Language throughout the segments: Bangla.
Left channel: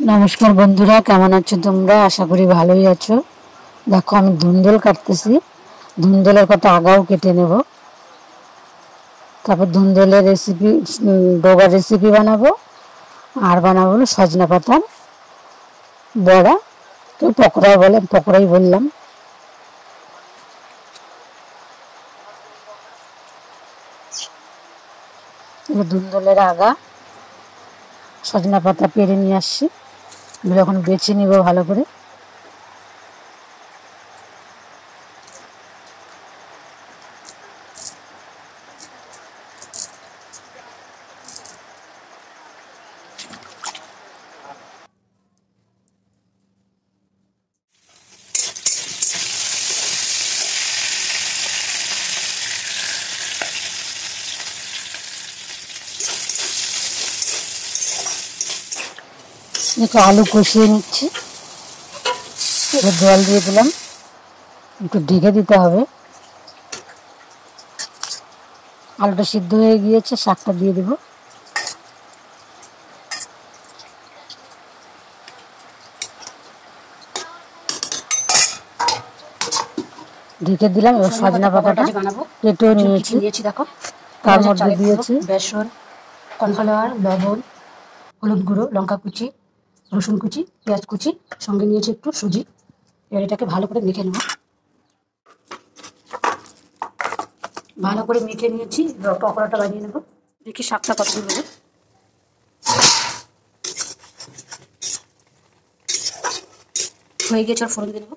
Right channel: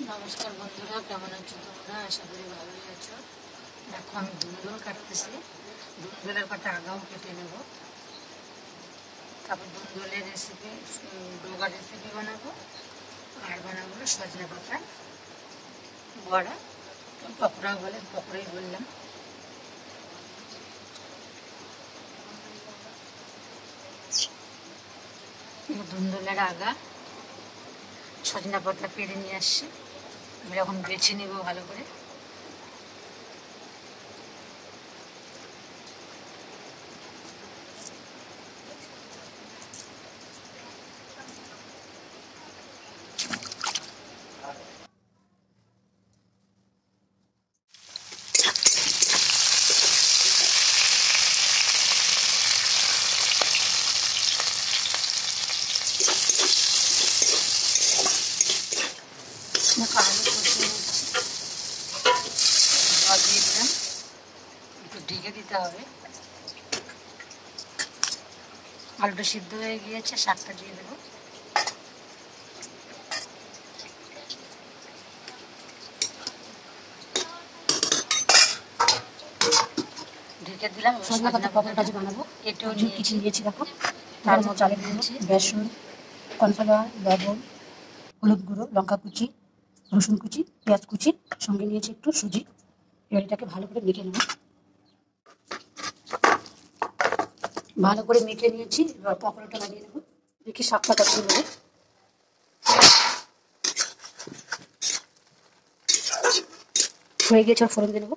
নমস্কার বন্ধুরা, কেমন আছো তোমরা? আশা করি ভালোই আছো। দেখো আমি ধুন্দুল কাটতেছি। ধুন্দুলের কটা আগাও কেটে নেব, তারপর ধুন্দুলের রেসিপি, ডোবার রেসিপি বানাবো। আর বানাবো হলো সজনা পাতার বড়া, কেউ পকোড়া বলে, পকোড়াই বললাম। ধুন্দুলের আগা, সজনা পাতা পেরে নিয়ে আসছি, এগুলো এখন বেছে নিব ভালো করে। দেখো আলু কষিয়ে নিচ্ছি, এবার জল দিয়ে দিলাম, একটু ঢেকে দিতে হবে। আলুটা সিদ্ধ হয়ে গিয়েছে, শাকটা দিয়ে দেবো। ঢেকে দিলাম। এবার সজনা পাতাটা কেটেও নিয়েছি, দেখো তার মধ্যে দিয়েছি বেসন, কর্নফ্লাওয়ার, লবণ, হলুদ গুঁড়ো, লঙ্কা কুচি, রসুন কুচি, পেঁয়াজ কুচি, সঙ্গে নিয়েছি একটু সুজি। এবার এটাকে ভালো করে মেখে নেব। ভালো করে মেখে নিয়েছি, এবার পকোড়াটা বানিয়ে নেব। দেখি শাকটা কত দূর হবে। হয়ে গেছে, আর ফোড়ন দিয়ে নেবো।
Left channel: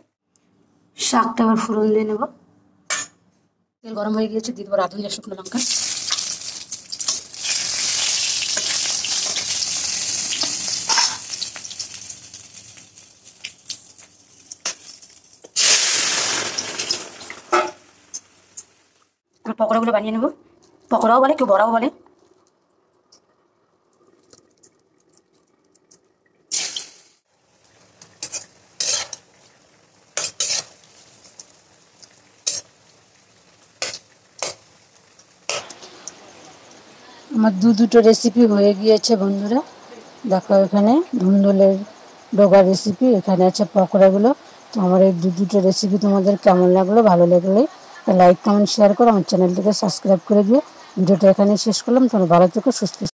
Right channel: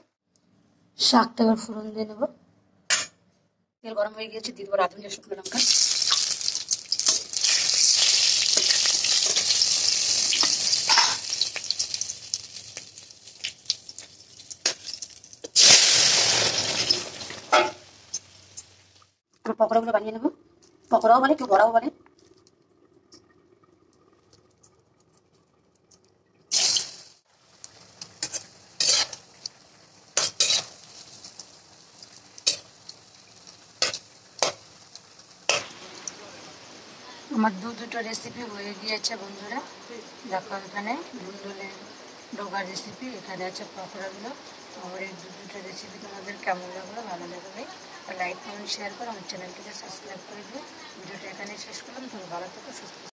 শাকটা এবার ফোড়ন দিয়ে নেব। তেল গরম হয়ে গিয়েছে, দিয়ে দেবো রাঁধুনি শুকনো লঙ্কা, পকোড়াগুলো বানিয়ে নেব। পকোড়াও বলে, কেউ বড়াও বলে। আমার দুটো রেসিপি হয়ে গিয়েছে বন্ধুরা। দেখো এখানে ধুন্দুলের ডোগা রেসিপি, এখানে আছে পকোড়াগুলো। তো আমার এই দুটো রেসিপি তোমাদের কেমন লাগলো? ভালো লাগলে লাইক, কমেন্ট, শেয়ার করো। আমার চ্যানেলটিকে সাবস্ক্রাইব করে দিও। ভিডিওটা এখানেই শেষ করলাম। তোমরা ভালো থেকো, সুস্থ।